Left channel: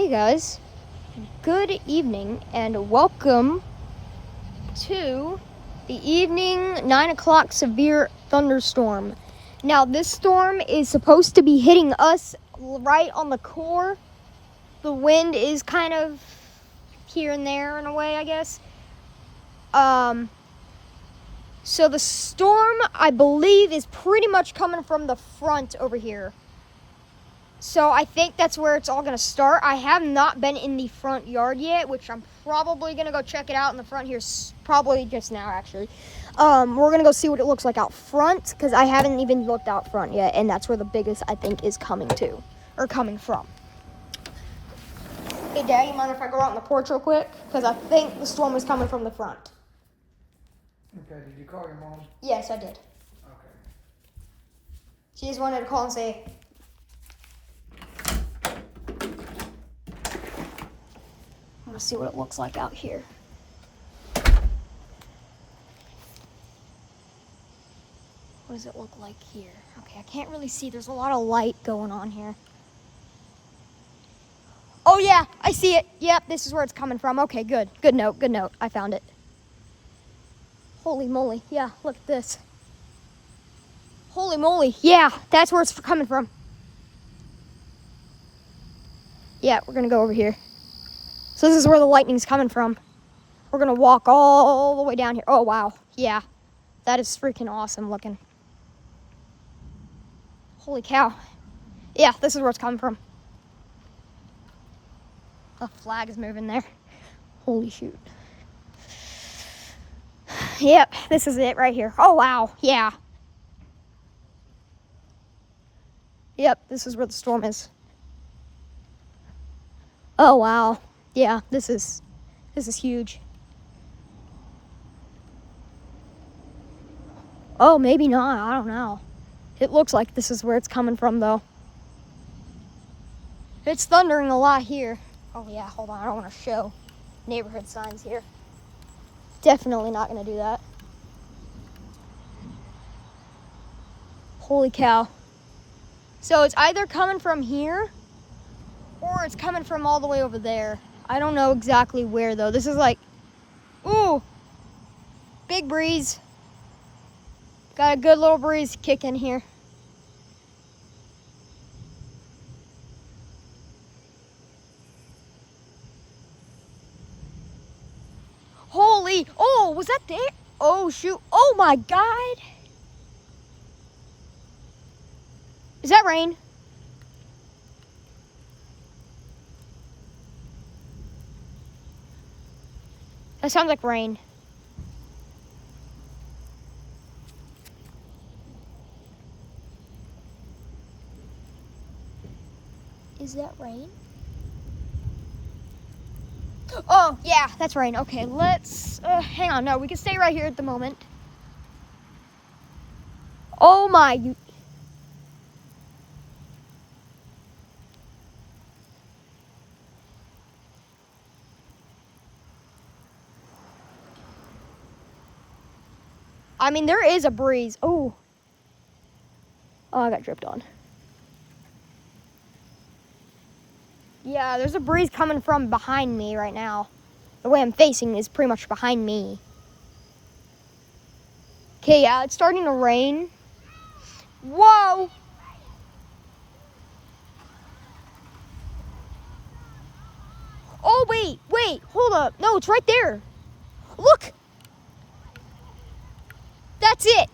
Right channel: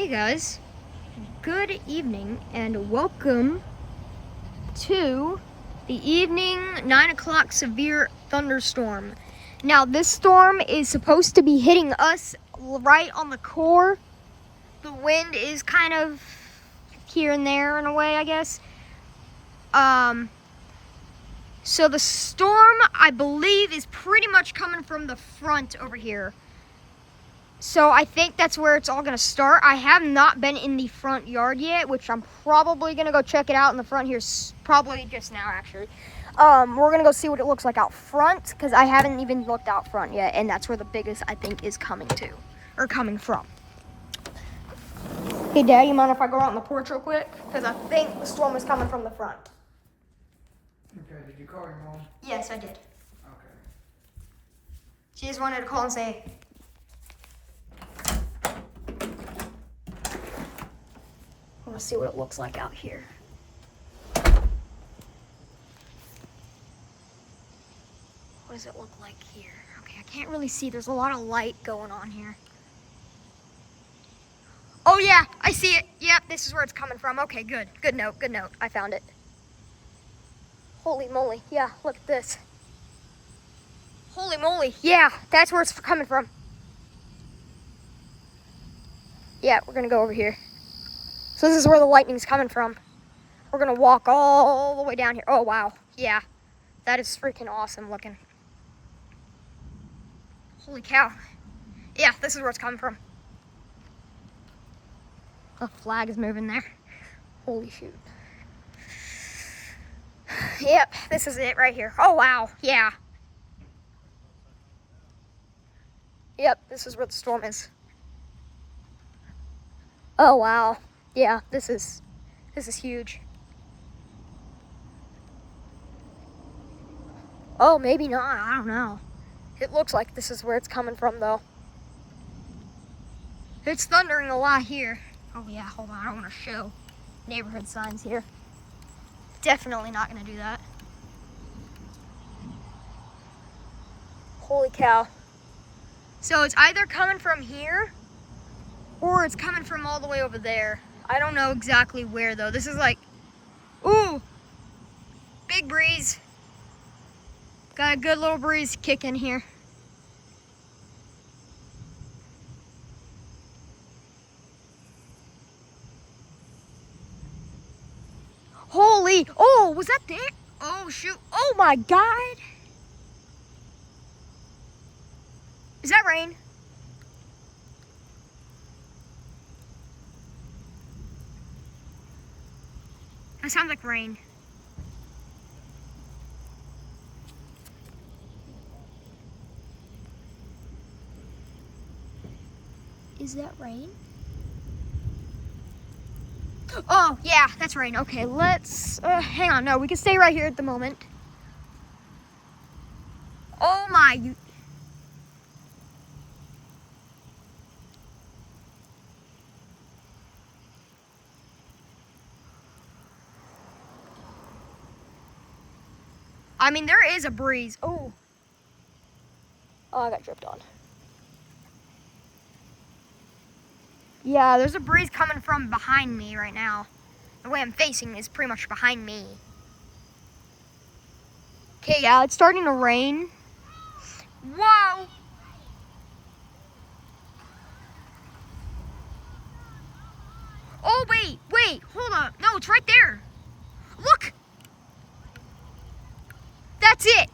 Hey guys, good evening and welcome to the evening 9 o'clock severe thunderstorm. Now this storm is supposed to be hitting us right on the core. The wind is kind of here and there in a way, I guess. So the storm, I believe, is pretty much coming from the front over here. So I think that's where it's all gonna start. I have not been in the front yard yet, which I'm probably gonna go check it out in the front here, probably just now actually. We're gonna go see what it looks like out front, because I haven't even looked out front yet, and that's where the biggest, I think, is coming from. Hey Dad, you mind if I go out on the porch real quick? Because I think the storm is coming from the front. Okay, did you call your mom? Yes, I did. Okay. She just wanted to call and say, I want to see what it looks like out here. What does it look like here? Okay, I can't really see. There's a lot of light going on here. Oh yeah, I see it. Yep, this is where it's coming from. Okay, good. Good note, good note. I found it. Holy moly. Yeah, look at this. Holy moly. Yeah, that's where it's coming from. Yeah, we're going to go over here. So this is where the lightning's coming from. We're going to walk all the way down here. Oh, wow. Yeah, that is freaking awesome looking. Holy cow. Yeah, this is where it's coming from. The flag is moving there. Holy shoot. Yep, this is it right here. Oh, wow. Yeah. Yep, this is where the storm is. Oh, wow. Yeah, this is huge. Oh, maybe not. I don't know. It looks like this is where it's coming from, though. It's thundering a lot here. Oh, yeah, hold on. I don't want to show neighborhood signs here. Definitely not going to do that. Holy cow. So it's either coming from here or it's coming from all the way over there. I don't know exactly where, though. This is like, ooh, big breeze. Got a good little breeze kicking here. Holy, oh, was that there? Oh, shoot. Oh, my God. Is that rain? That sounds like rain. Is that rain? Oh, yeah, that's rain. Okay, let's, hang on. No, we can stay right here at the moment. Oh my. I mean, there is a breeze. Oh. Oh, I got dripped on. Yeah, there's a breeze coming from behind me right now. The way I'm facing is pretty much behind me. Okay, yeah, it's starting to rain. Whoa! Oh, wait, hold up. No, it's right there. Look! That's it.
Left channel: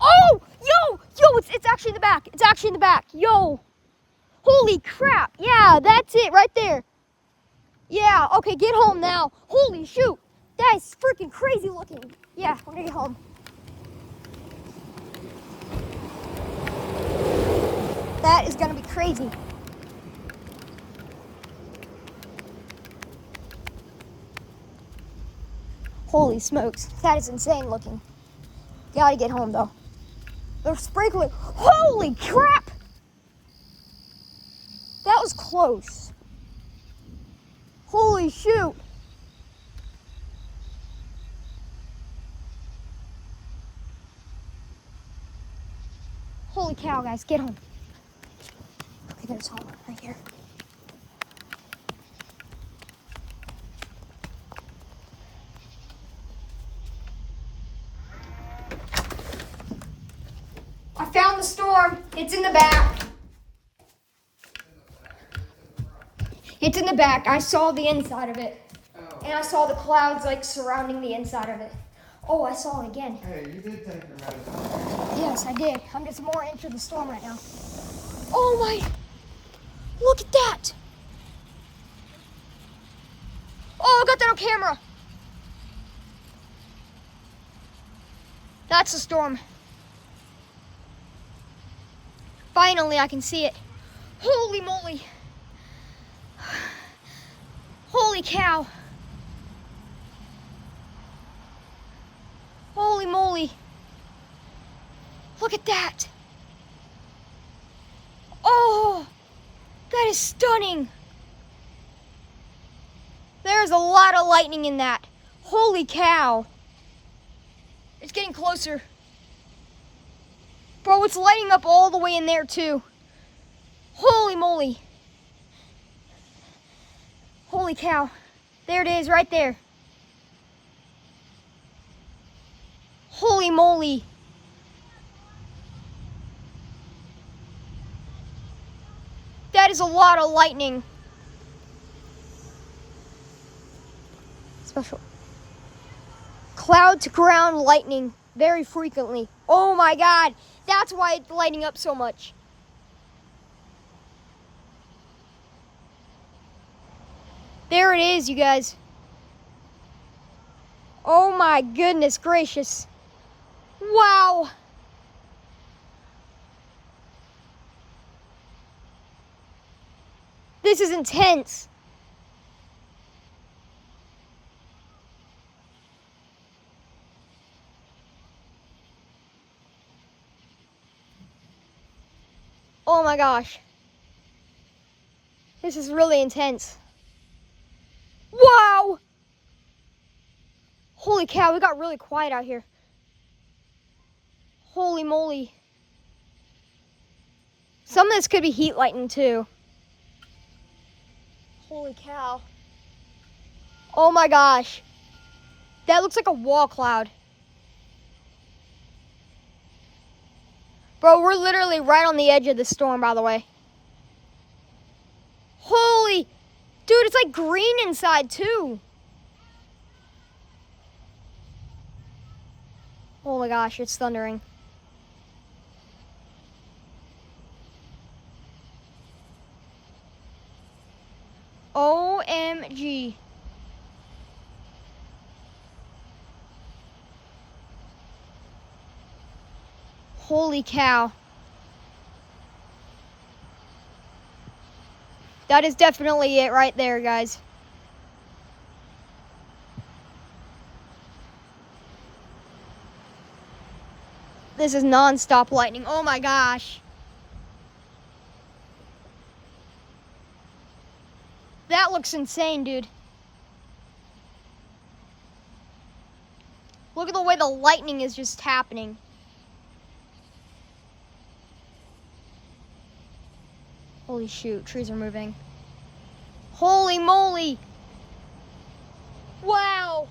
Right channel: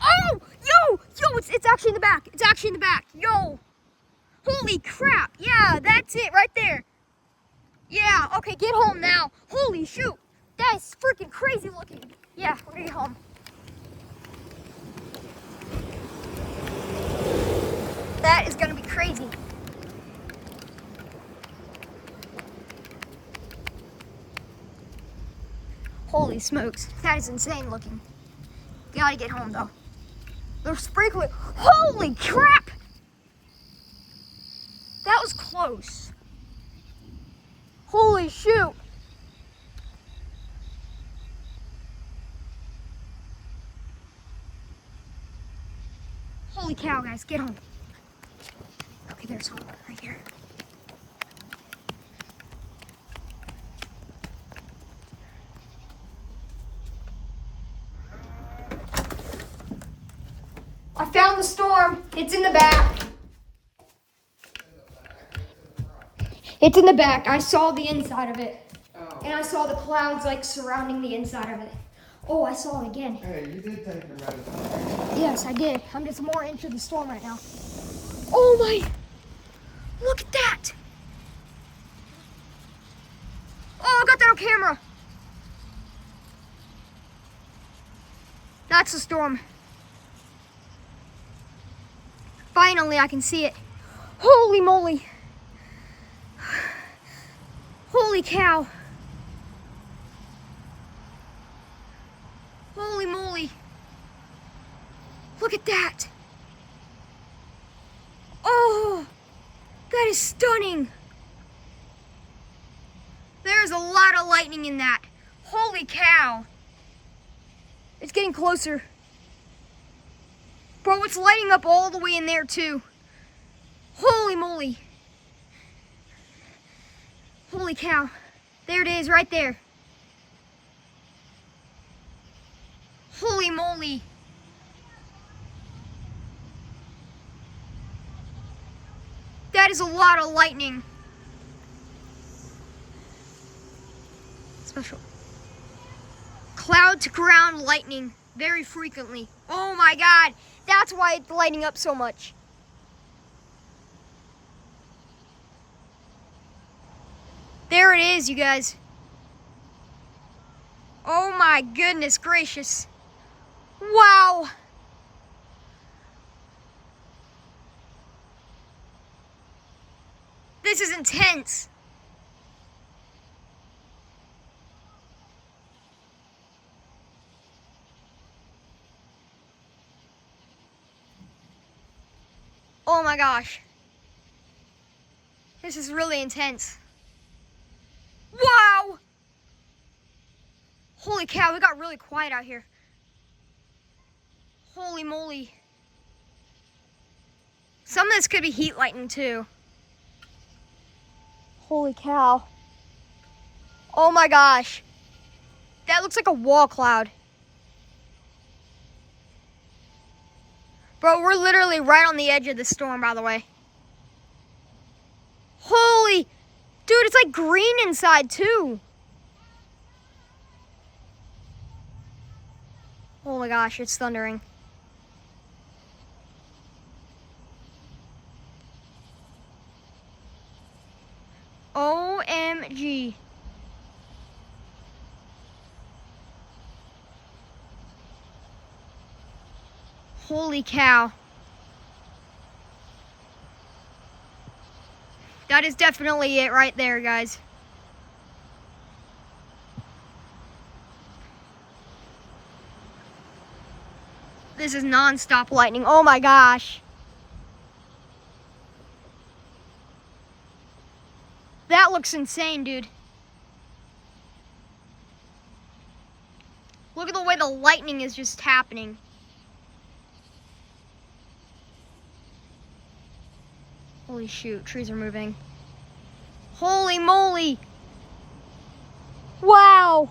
Oh, yo, it's actually in the back. It's actually in the back. Yo. Holy crap. Yeah, that's it right there. Yeah, okay, get home now. Holy shoot. That is freaking crazy looking. Yeah, we're gonna get home. That is gonna be crazy. Holy smokes. That is insane looking. Gotta get home though. They're sprinkling. Holy crap! That was close. Holy shoot. Holy cow, guys, get home. Okay, there's home right here. the storm. It's in the back. It's in the back. I saw the inside of it. Oh. And I saw the clouds like surrounding the inside of it. Oh, I saw it again. Hey, you did take your medicine. Yes, I did. I'm just more into the storm right now. Oh my, look at that. Oh, I got that on camera. That's the storm. Finally, I can see it. Holy moly. Holy cow. Holy moly. Look at that. Oh, that is stunning. There's a lot of lightning in that. Holy cow. It's getting closer. Bro, it's lighting up all the way in there too. Holy moly. Holy cow. There it is, right there. Holy moly. That is a lot of lightning. Special. Cloud to ground lightning very frequently. Oh my God. That's why it's lighting up so much. There it is, you guys. Oh my goodness gracious. Wow. This is intense. Oh my gosh. This is really intense. Wow! Holy cow, it got really quiet out here. Holy moly. Some of this could be heat lightning too. Holy cow. Oh my gosh. That looks like a wall cloud. Bro, we're literally right on the edge of the storm, by the way. Holy, dude, it's like green inside too. Oh my gosh, it's thundering. OMG. Holy cow. That is definitely it right there, guys. This is nonstop lightning. Oh my gosh. That looks insane, dude. Look at the way the lightning is just happening. Holy shoot, trees are moving. Holy moly. Wow.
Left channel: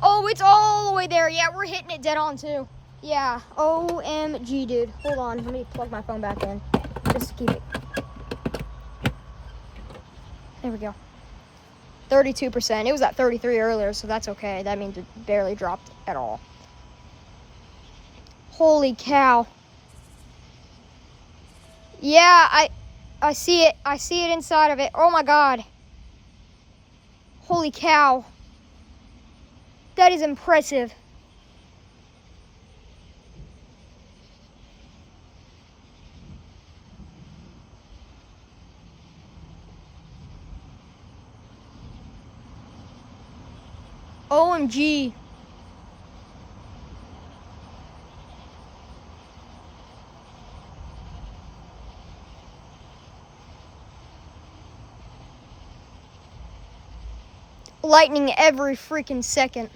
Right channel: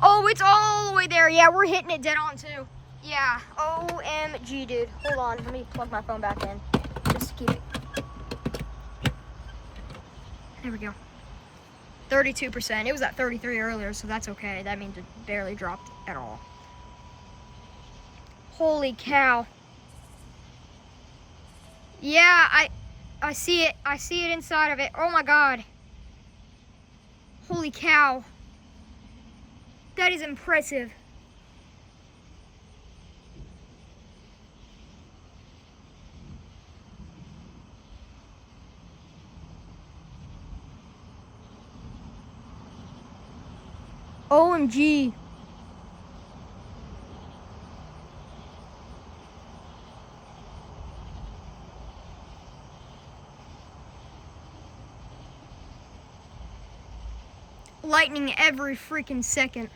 Oh, it's all the way there. Yeah, we're hitting it dead on too. Yeah, OMG, dude. Hold on, let me plug my phone back in. Just to keep it. There we go. 32%. It was at 33 earlier, so that's okay. That means it barely dropped at all. Holy cow. Yeah, I see it. I see it inside of it. Oh my God. Holy cow. That is impressive. OMG. Lightning every freaking second.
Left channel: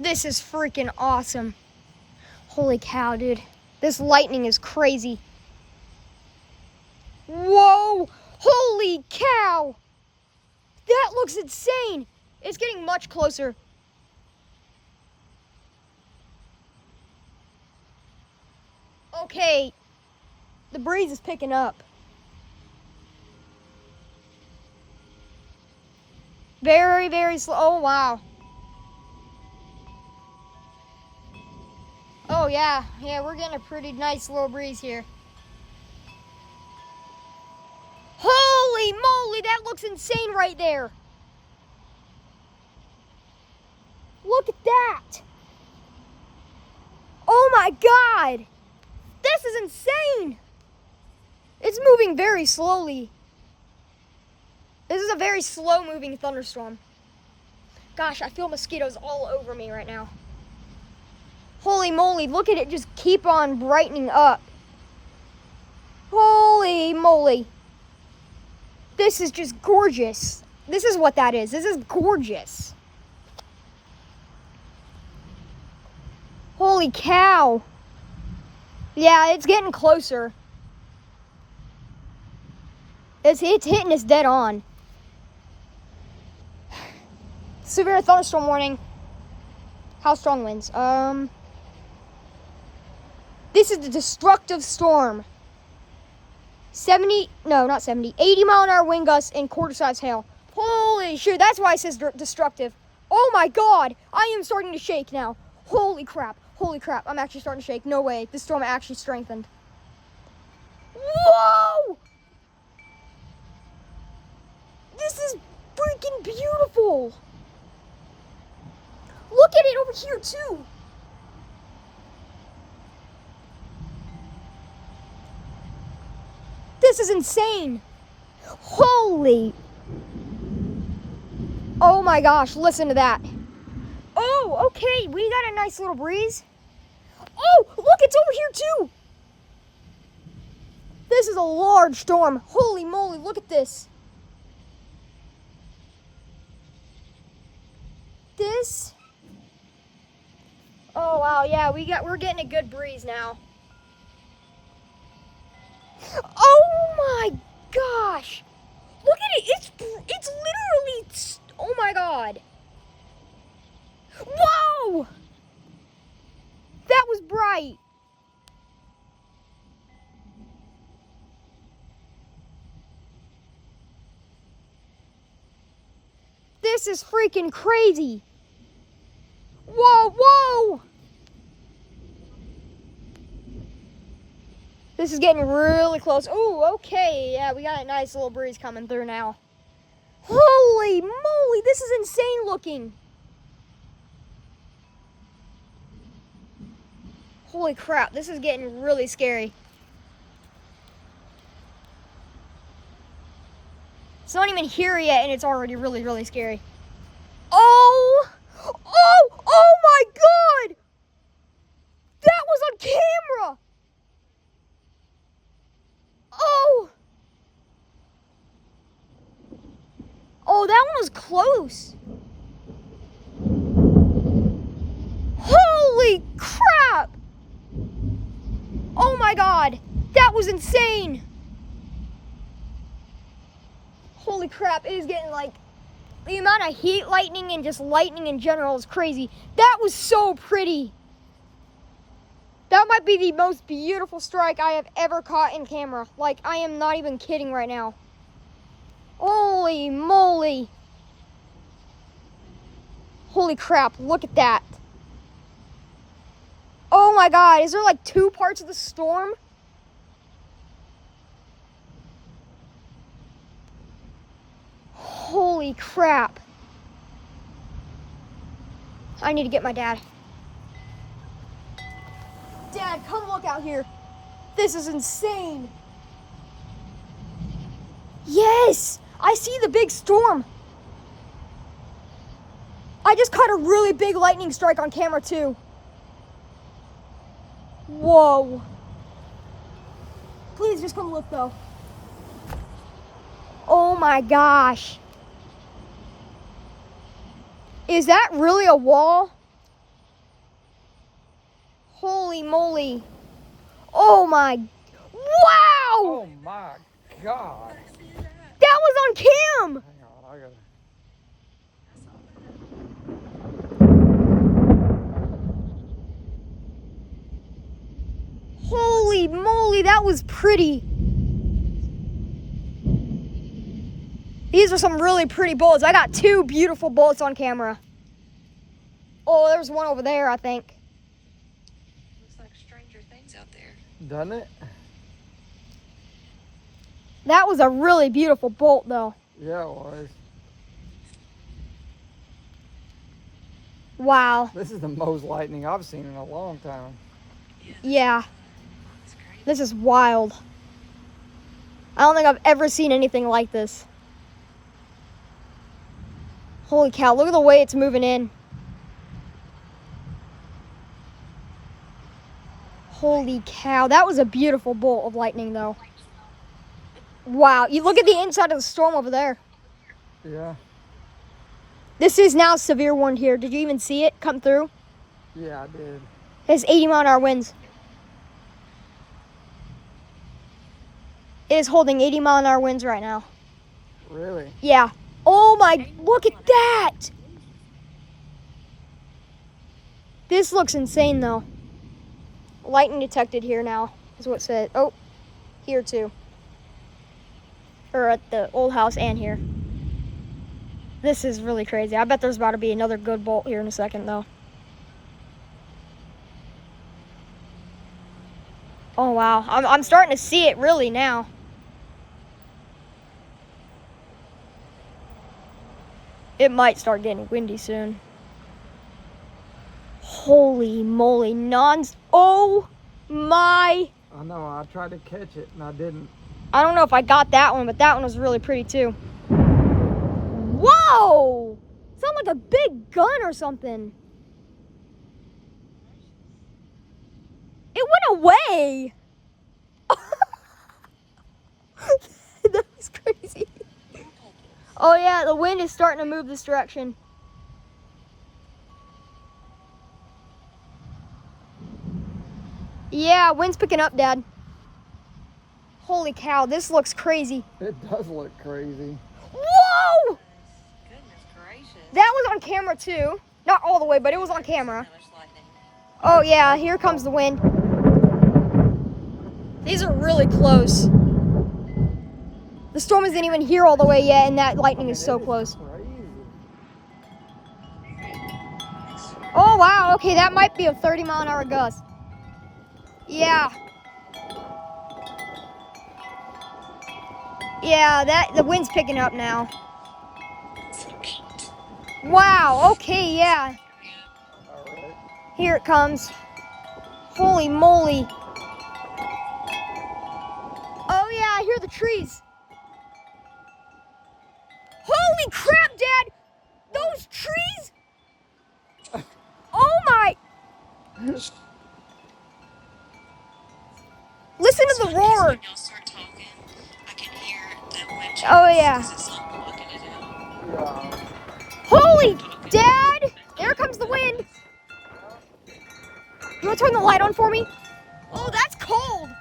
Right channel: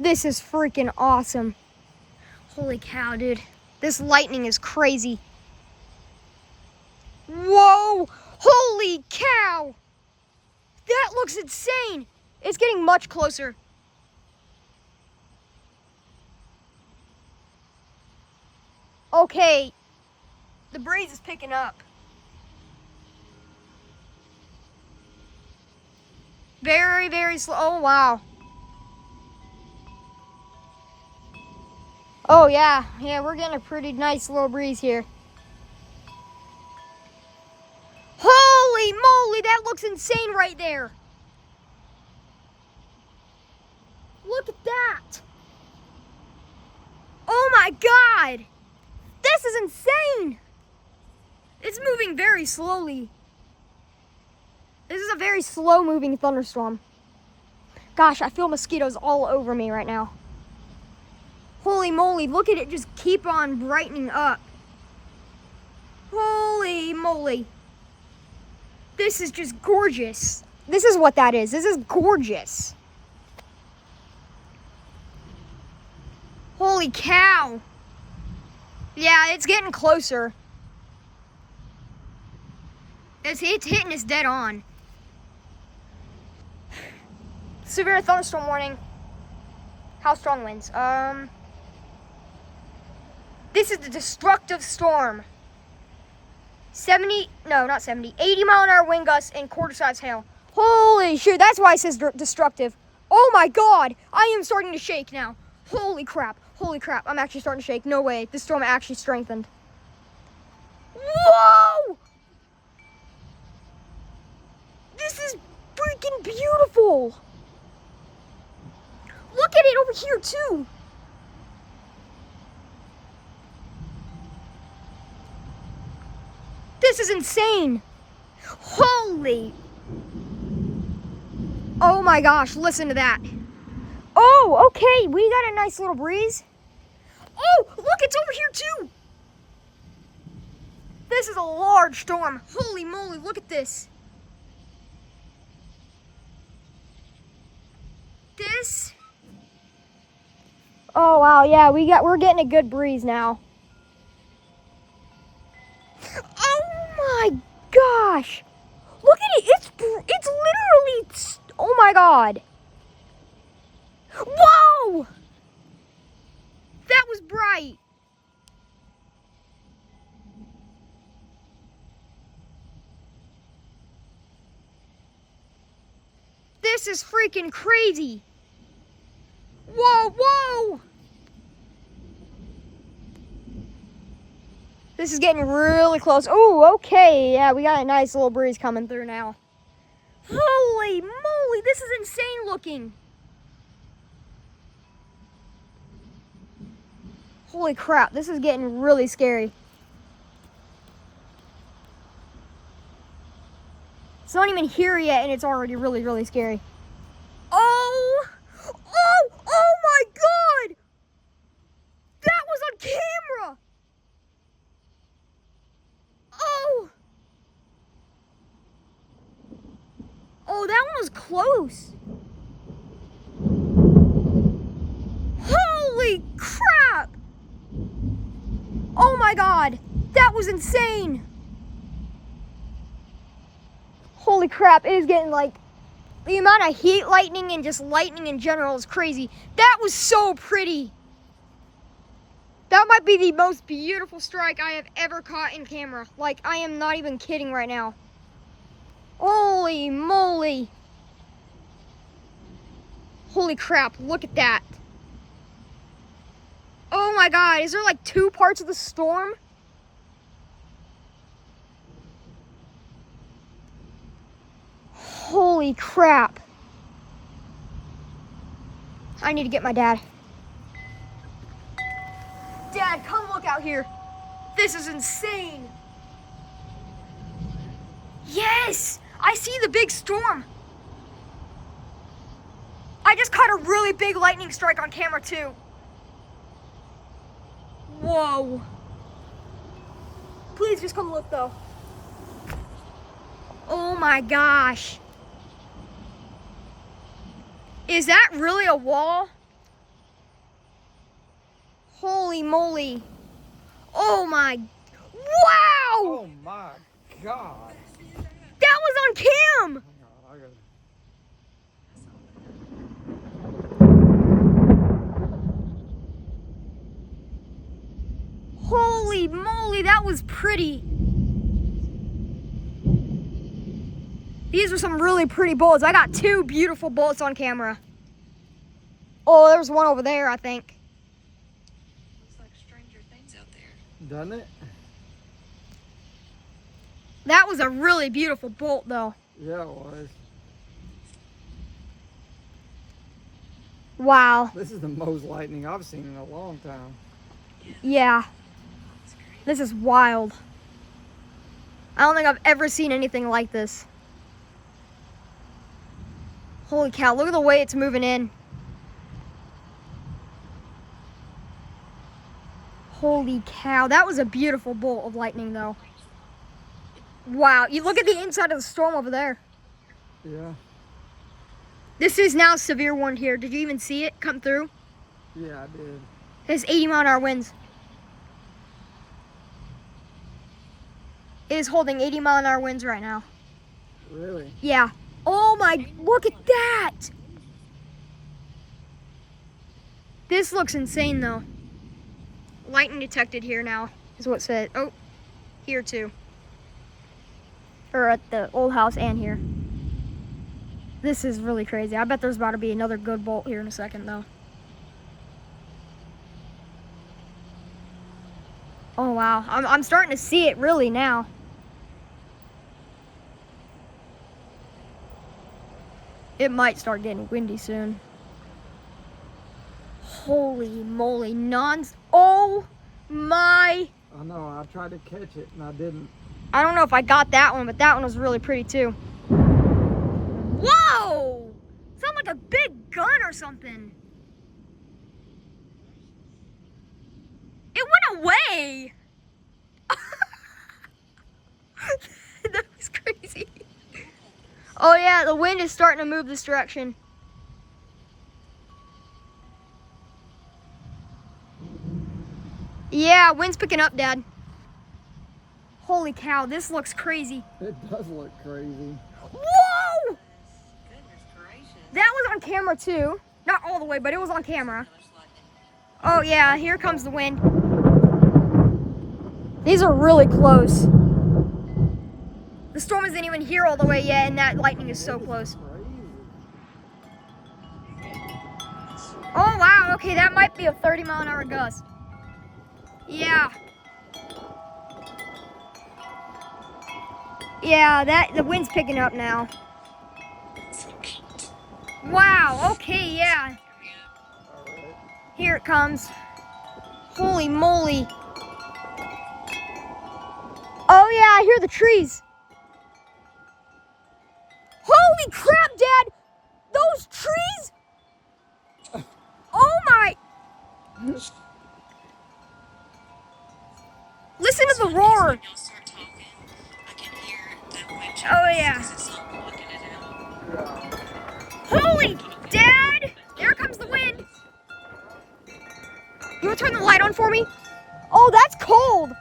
This is freaking awesome. Holy cow, dude. This lightning is crazy. Whoa! Holy cow! That looks insane! It's getting much closer. Okay, the breeze is picking up. Very, very slow. Oh, wow. Oh, yeah. Yeah, we're getting a pretty nice little breeze here. Holy moly, that looks insane right there. Look at that. Oh my God. This is insane. It's moving very slowly. This is a very slow moving thunderstorm. Gosh, I feel mosquitoes all over me right now. Holy moly, look at it just keep on brightening up. Holy moly. This is just gorgeous. This is what that is. This is gorgeous. Holy cow. Yeah, it's getting closer. It's hitting us dead on. Severe thunderstorm warning. How strong winds? This is the destructive storm. 80 mile an hour wind gusts and quarter-size hail. Holy shit, that's why it says destructive. Oh my God, I am starting to shake now. Holy crap, I'm actually starting to shake. No way, this storm actually strengthened. Whoa! This is freaking beautiful. Look at it over here too. This is insane. Holy. Oh my gosh, listen to that. Oh, okay, we got a nice little breeze. Oh, look, it's over here too. This is a large storm. Holy moly, look at this. This. Oh wow, yeah, we're getting a good breeze now. Oh my gosh. Look at it. It's literally, oh my God. Whoa! That was bright. This is freaking crazy. Whoa, whoa! This is getting really close. Oh, okay. Yeah, we got a nice little breeze coming through now. Holy moly, this is insane looking. Holy crap, this is getting really scary. It's not even here yet, and it's already really, really scary. Oh my God! That was on camera! Oh, that one was close. Holy crap! Oh my God, that was insane. Holy crap, it is getting like, the amount of heat lightning and just lightning in general is crazy. That was so pretty. That might be the most beautiful strike I have ever caught in camera. Like, I am not even kidding right now. Holy moly. Holy crap, look at that. Oh my God, is there like two parts of the storm? Holy crap. I need to get my dad. Dad, come look out here. This is insane. Yes, I see the big storm. I just caught a really big lightning strike on camera too. Whoa. Please just come look though. Oh my gosh. Is that really a wall? Holy moly. Oh my, wow! Oh my God. That was on cam! Hang on, Holy moly, that was pretty. These are some really pretty bullets. I got 2 beautiful bullets on camera. Oh, there's one over there, I think. Looks like Stranger Things out there. Doesn't it? That was a really beautiful bolt, though. Yeah, it was. Wow. This is the most lightning I've seen in a long time. Yeah, That's crazy. this is wild. I don't think I've ever seen anything like this. Holy cow, look at the way it's moving in. Holy cow, that was a beautiful bolt of lightning, though. Wow, you look at the inside of the storm over there. Yeah. This is now severe wind here. Did you even see it come through? Yeah, I did. It's 80-mile-an-hour winds. It is holding 80-mile-an-hour winds right now. Really? Yeah. Oh my, look at that! This looks insane, though. Lightning detected here now, is what it said. Oh, here too. Or at the old house and here. This is really crazy. I bet there's about to be another good bolt here in a second, though. Oh, wow. I'm starting to see it really now. It might start getting windy soon. Holy moly, oh my. I know, I tried to catch it and I didn't. I don't know if I got that one, but that one was really pretty too. Whoa! Sounds like a big gun or something. It went away. That was crazy. Oh yeah, the wind is starting to move this direction. Yeah, wind's picking up, Dad. Holy cow, this looks crazy. It does look crazy. Whoa! Goodness gracious. That was on camera too. Not all the way, but it was on camera. There's lightning. Oh yeah, here comes the wind. These are really close. The storm isn't even here all the way yet, and that lightning is so close. Crazy. Oh wow, okay, that might be a 30-mile-an-hour gust. Yeah. Yeah, the wind's picking up now. Wow, okay, yeah. Here it comes. Holy moly. Oh yeah, I hear the trees. Holy crap, Dad! Those trees? Oh my! Listen to the roar. Oh yeah. Yeah. Holy, Dad! There comes the wind. You want to turn the light on for me? Oh, that's cold.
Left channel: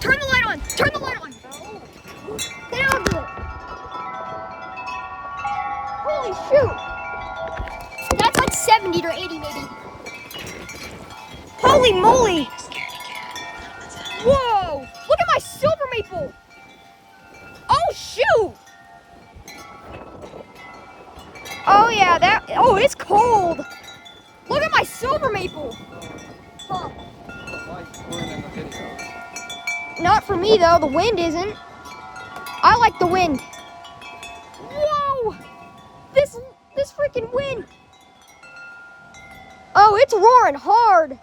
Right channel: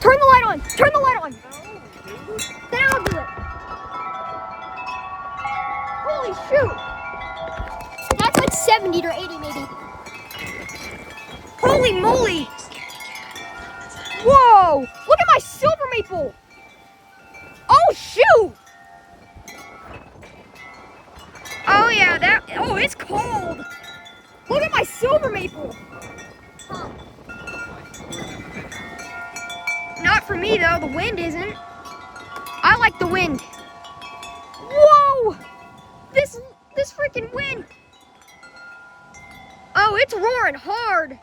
Turn the light on. Turn the light on. Then I'll do it. Holy shoot. That's like 70 or 80 maybe. Holy moly. Whoa. Look at my silver maple. Oh, shoot. Oh, yeah. Oh, it's cold. Look at my silver maple. Huh. Not for me, though. The wind isn't. I like the wind. Whoa! This freaking wind. Oh, it's roaring hard.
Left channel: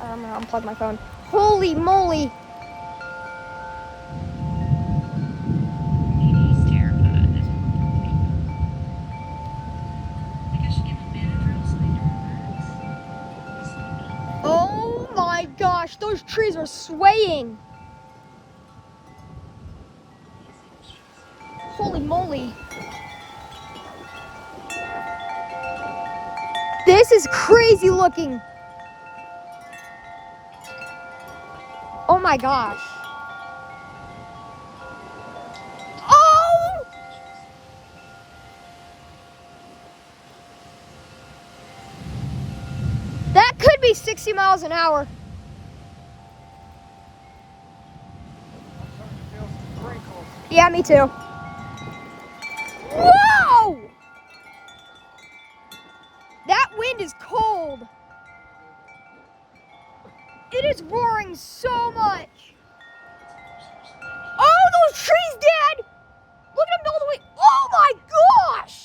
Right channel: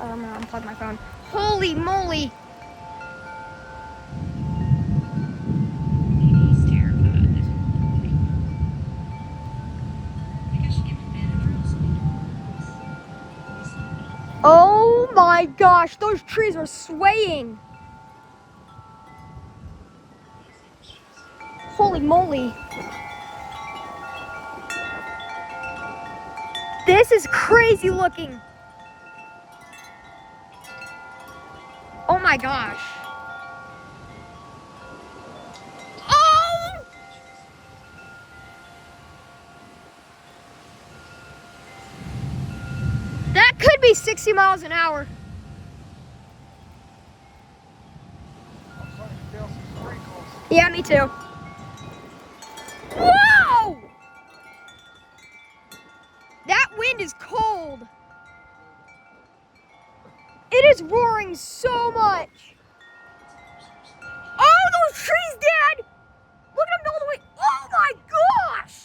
I'm gonna unplug my phone. Holy moly. He's terrified. Maybe I should give him Benadryl so he can relax. Oh my gosh, those trees are swaying. Holy moly. This is crazy looking. Oh Oh my gosh. Oh! That could be 60 miles an hour. Yeah, me too. Whoa! That wind is cold. It is roaring so much. Oh, those trees, Dad! Look at them all the way. Oh my gosh!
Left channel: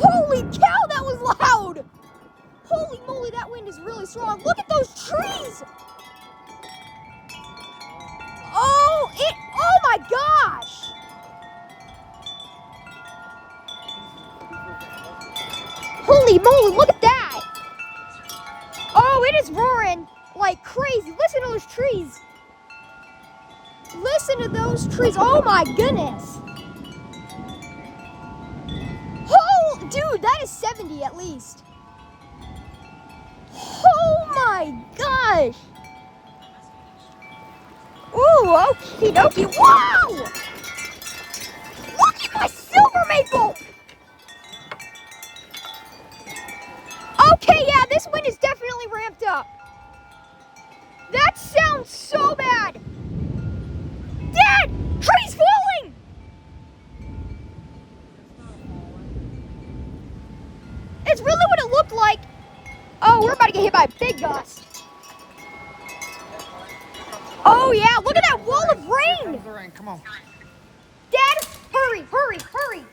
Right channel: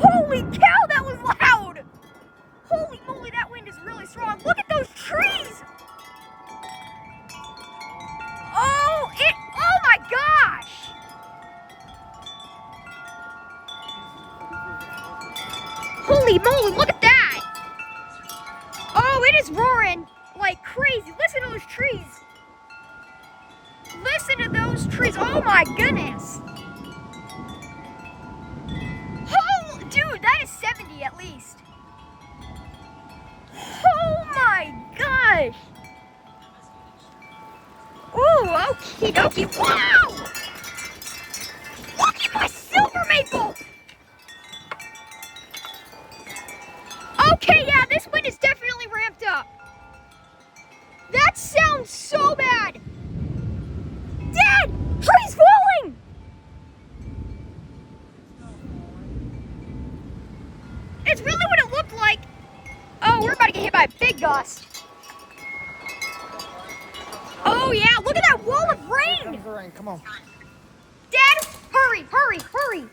Holy cow, that was loud! Holy moly, that wind is really strong. Look at those trees! Oh my gosh! Holy moly, look at that! Oh, it is roaring like crazy. Listen to those trees. Listen to those trees. Oh my goodness. Oh, dude, that is 70 at least. Oh my gosh. Ooh, okie dokie. Wow! Look at my silver maple! Okay, yeah, this wind is definitely ramped up. That sounds so bad. Dad, trees falling! It's really what it looked like. Oh, we're about to get hit by a big gust. Oh yeah, look at that wall of Here rain. comes the rain. Come on. Dad, hurry, hurry, hurry.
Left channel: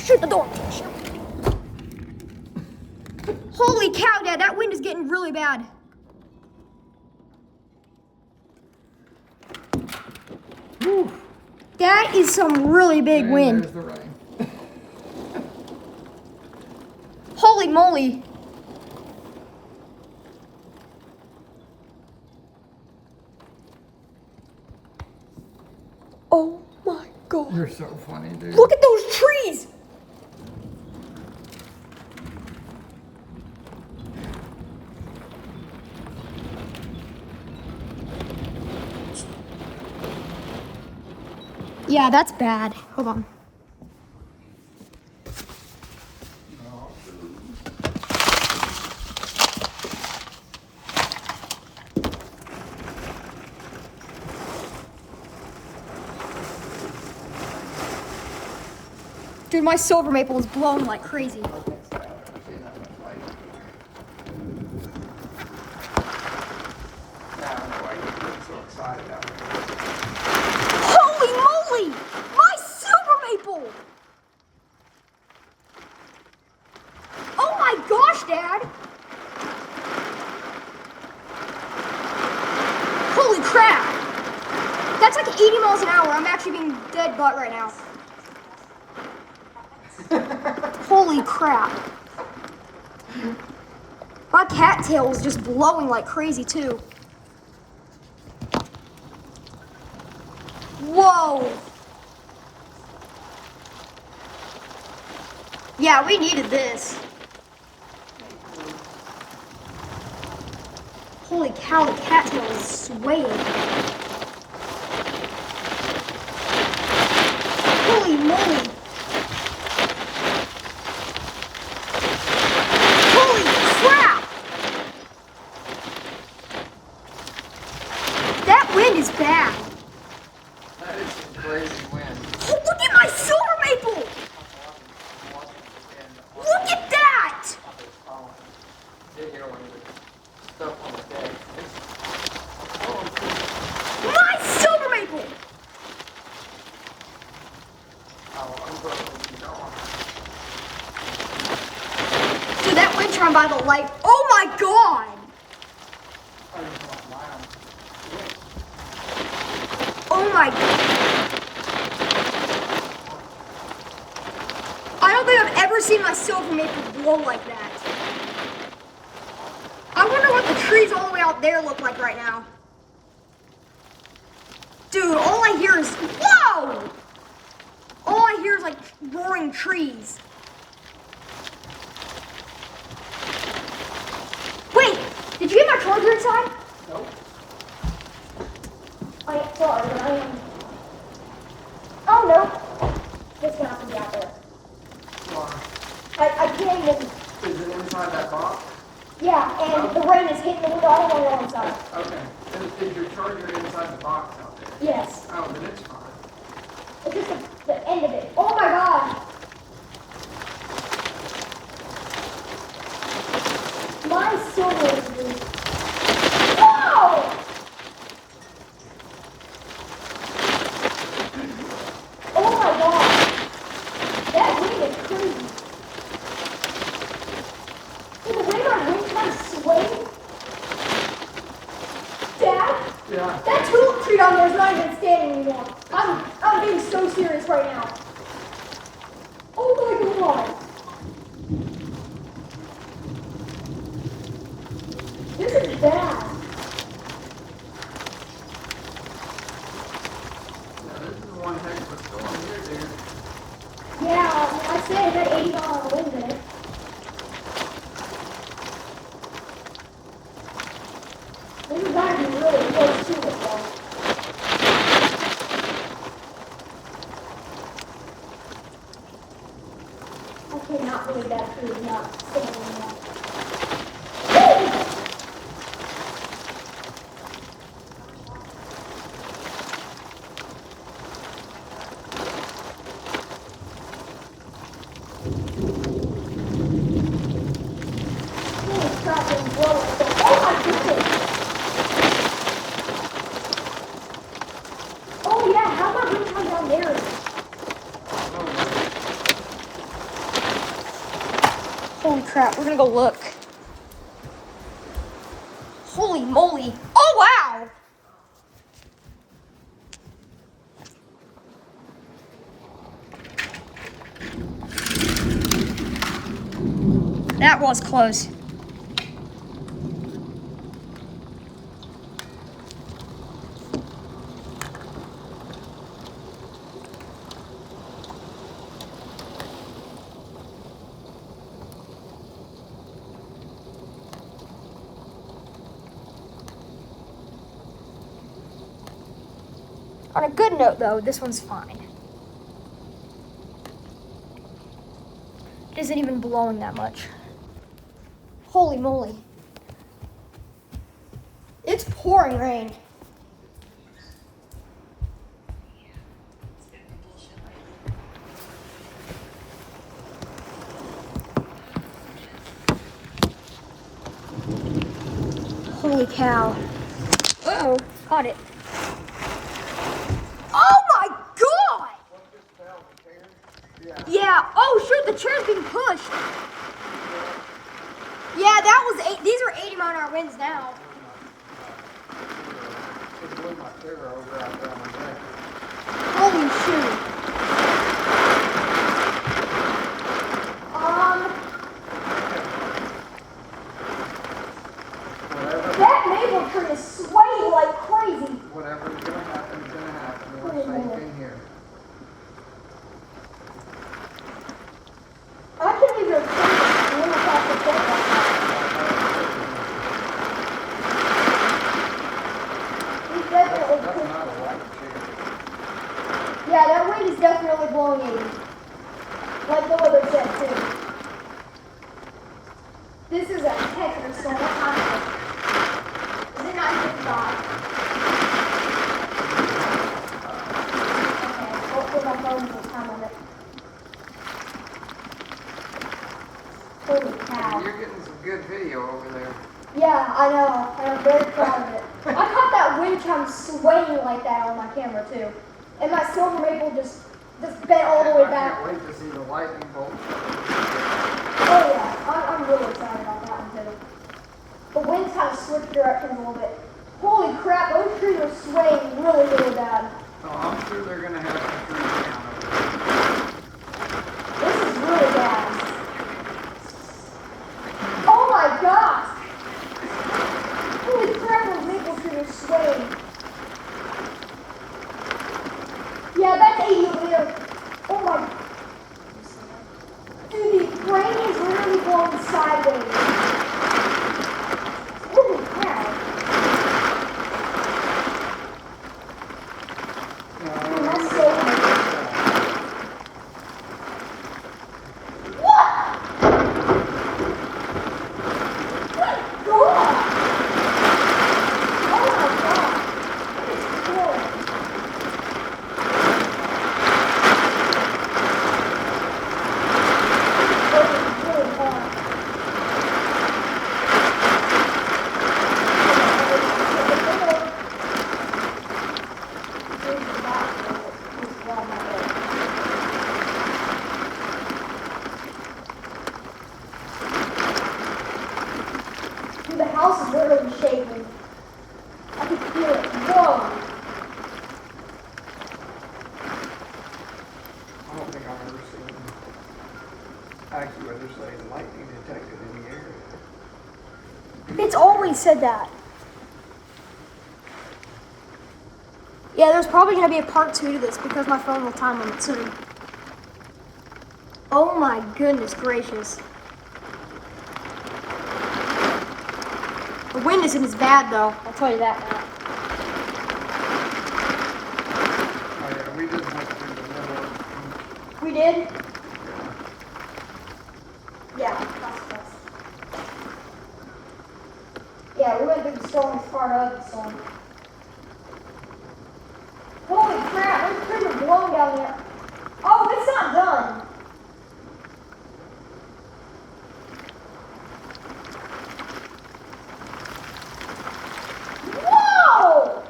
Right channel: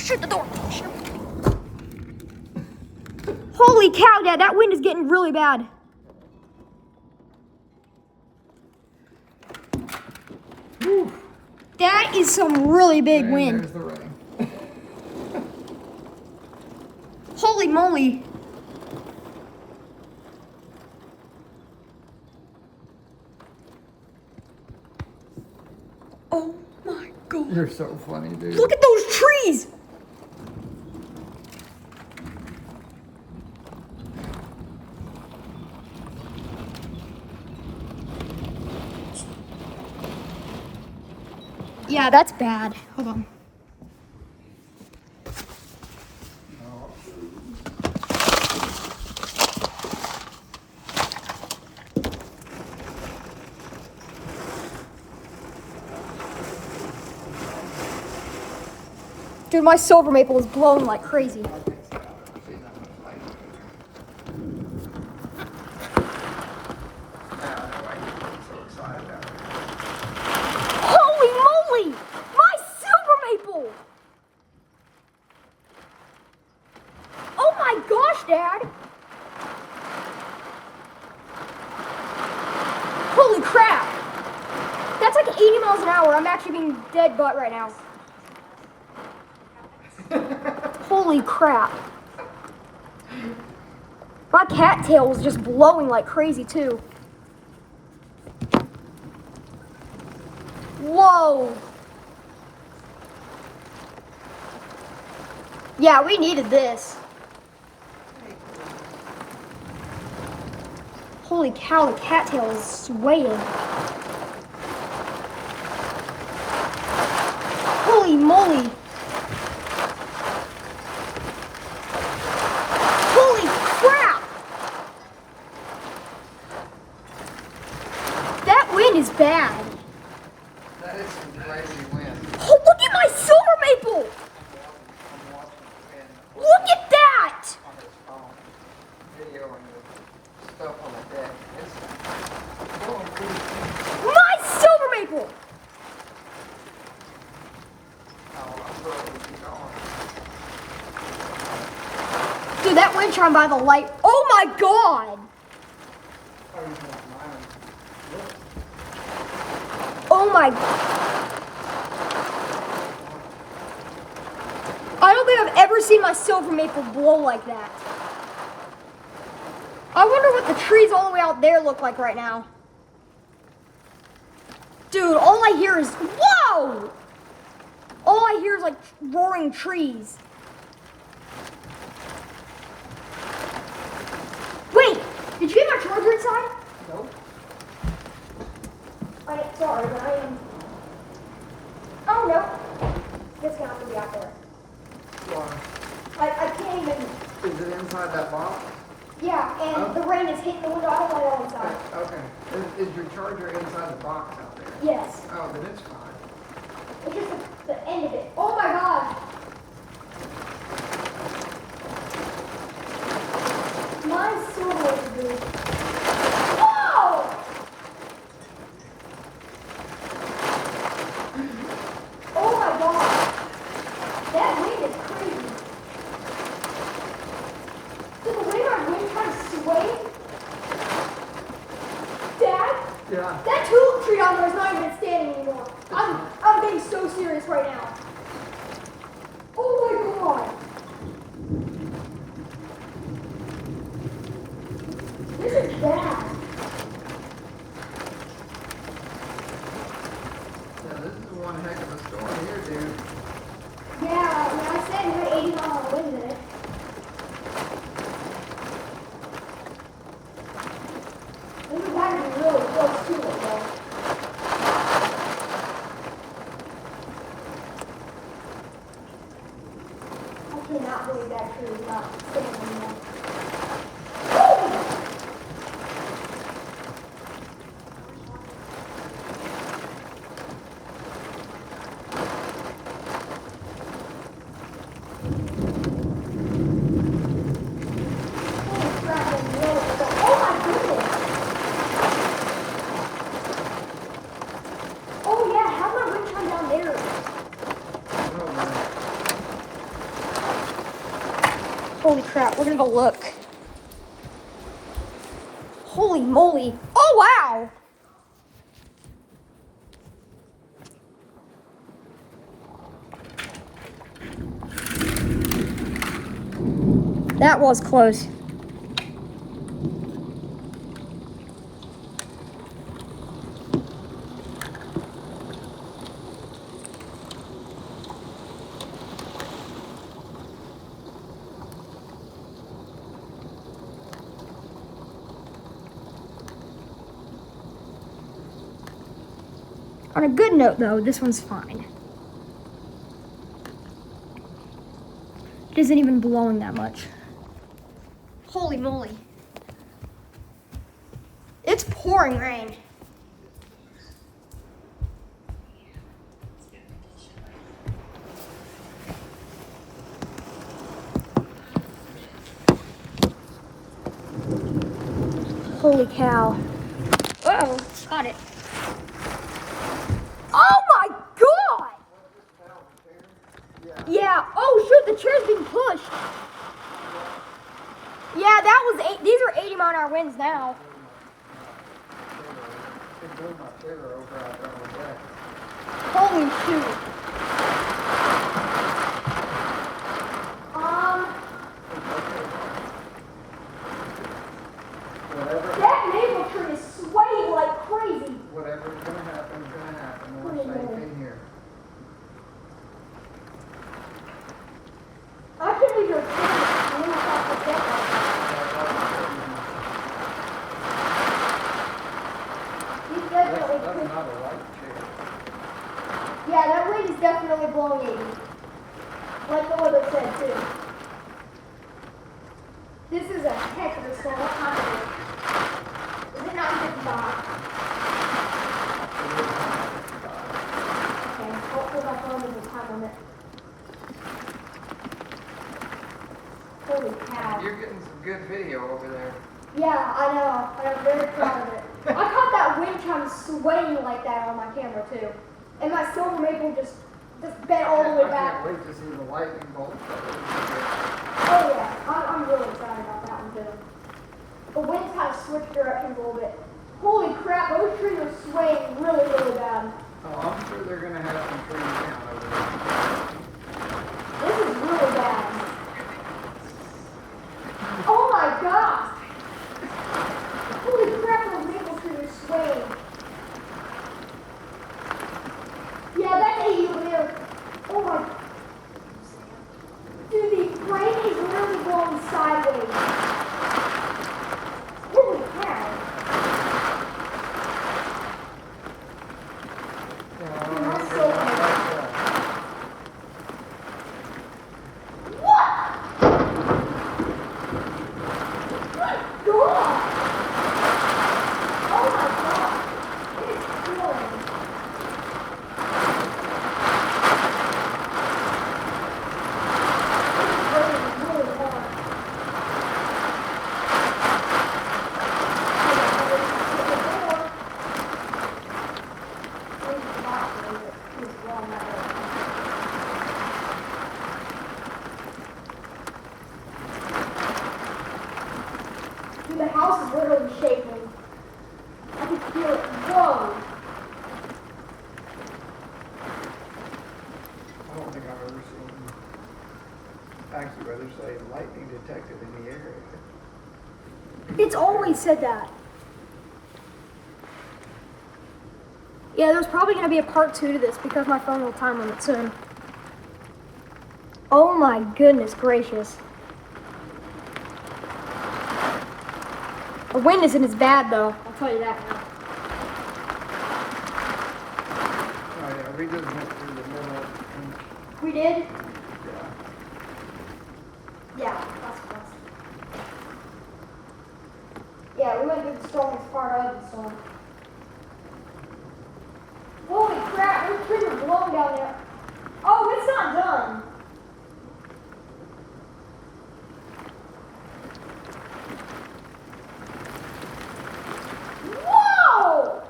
Shoot the door. Holy cow, Dad, that wind is getting really bad. Whew. That is some really big And wind. there's the rain. Holy moly. Oh my God. You're so funny, dude. Look at those trees. Yeah, that's bad. Hold on. Dude, my silver maple is blowing like crazy. Holy moly! My silver maple! Oh my gosh, Dad! Holy crap! That's like 80 miles an hour. I'm actually being dead butt right now. Holy crap. My cattail is just blowing like crazy too. Whoa. Yeah, we needed this. Holy cow, the cattail is swaying. Holy moly. Holy crap. That wind is bad. That is some crazy wind. Oh, look at my silver maple. Look at that. My silver maple. Dude, that wind turned by the light. Oh my God. Oh my. I don't think I've ever seen my silver maple blow like that. I wonder what the trees all the way out there look like right now. Dude, all I hear is, whoa! All I hear is like roaring trees. you're inside? Nope. Sorry, but I am. Oh, no. This guy's gonna be out there. Why? I can't even. Is it inside that box? Yeah, and the rain is hitting the window. I don't know inside. Okay. Is your charger inside the box out there? Yes. Oh, then it's fine. It's just the end of it. Oh my god. Mine's so weird, dude. Oh! Oh my god. That wind is crazy. Dude, the way my wind kind of swaying. Dad? Yeah. That tulip tree down there is not even standing anymore. I'm being so serious right now. Oh my god. This is bad. Yeah, this is one heck of a storm here, dude. Yeah, I said it had 80 mile an hour wind in it. This is actually really close to it, though. I cannot believe that tree is not standing there. Holy crap, it's blowing. Oh my goodness! Oh yeah, how about you come down there? Holy crap, we're gonna go look. Holy moly. Oh wow! That was close. On a good note, though, this one's fine. It isn't even blowing that much. Holy moly. It's pouring rain. Holy cow. Uh-oh, caught it. Oh my god! Yeah, oh shoot, the chair's being pushed. Yeah, that was these are 80 mile an hour winds now. Holy shoot. That maple tree is swaying like crazy. Whatever's gonna happen is gonna happen. We're safe in here. I can't believe you're really fast to get that. He's definitely That's not a lot of chicken. Yeah, that wind is definitely blowing 80. Like the weather said too. This is a heck of a storm. Is it not even dry? Okay, I'll put my phone with the time on it. Holy cow. You're getting some good video over there. Yeah, I know. I'm very proud of it. I caught that wind chime swaying like that on my camera too. And my silver maple just bent all the way I back. can't wait to see the lightning bolt. Oh yeah, I'm really excited about that one too. The wind's kind of switched directions a little bit. Holy crap, those trees are swaying really, really bad. Oh, I'm sure they're gonna have some pretty good. This is really bad. Oh my gosh! Holy crap, those maple trees are swaying. Yeah, that's 80 over there. Oh my. Dude, the rain is literally blowing sideways. Holy crap. house is literally shaking. I can feel it. Whoa. I don't think I've ever seen AccuWeather say lightning detected in the area. It's always said that. Yeah, there's probably going to be a part 2 to this because my phone will time limit soon. Oh my goodness gracious. The wind isn't as bad though, I'll tell you that. We didn't have to do the limit. We did? Yeah. Yeah, that's. Yeah, we went through the strongest part of the storm. Holy crap, it's pretty blowing down there. Oh, it's not done. Whoa!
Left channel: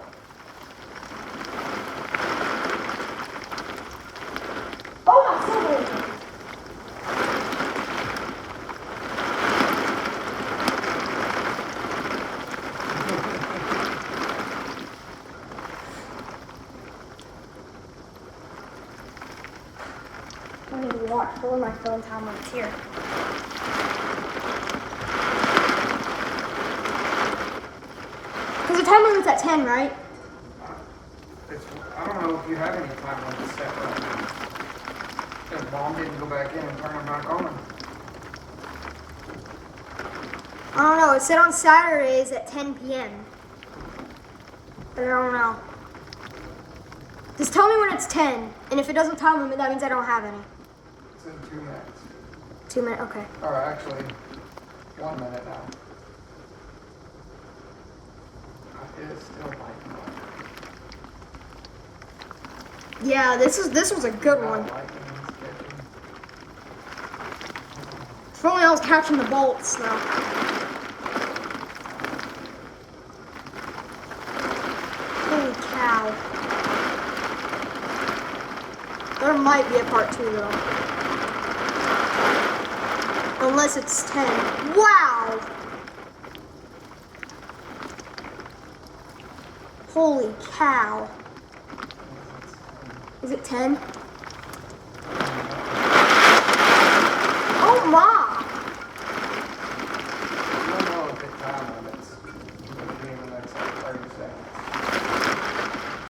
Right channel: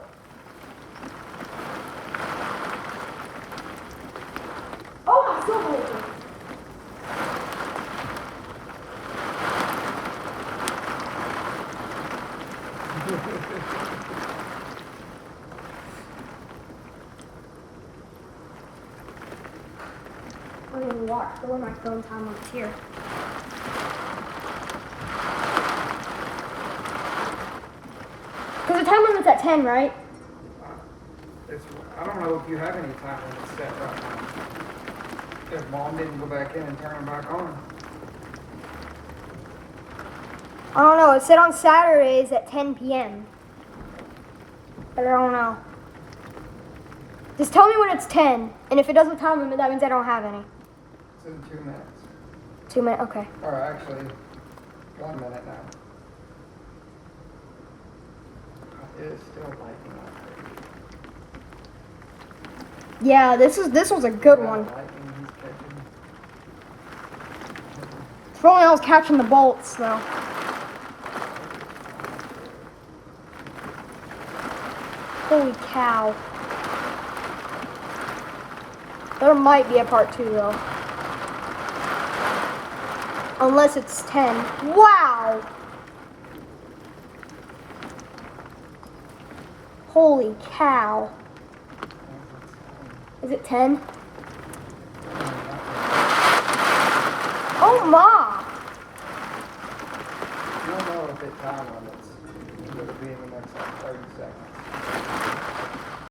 Oh my goodness. Let me watch for my phone time when it's here. Because the time limit's at 10, right? I don't know if you have any time on this set right now. Because Mom didn't go back in and turn them back on. I don't know. It said on Saturdays at 10 p.m. But I don't know. Just tell me when it's 10. And if it doesn't time limit, that means I don't have any. It's in 2 minutes. 2 minutes, okay. Or actually, 1 minute now. It's still lighting up. Yeah, this was a good one. Lightning is catching. If only I was catching the bolts, though. Holy cow. There might be a part 2, though. Unless it's 10. Wow! Holy cow. Is it 10? Oh my!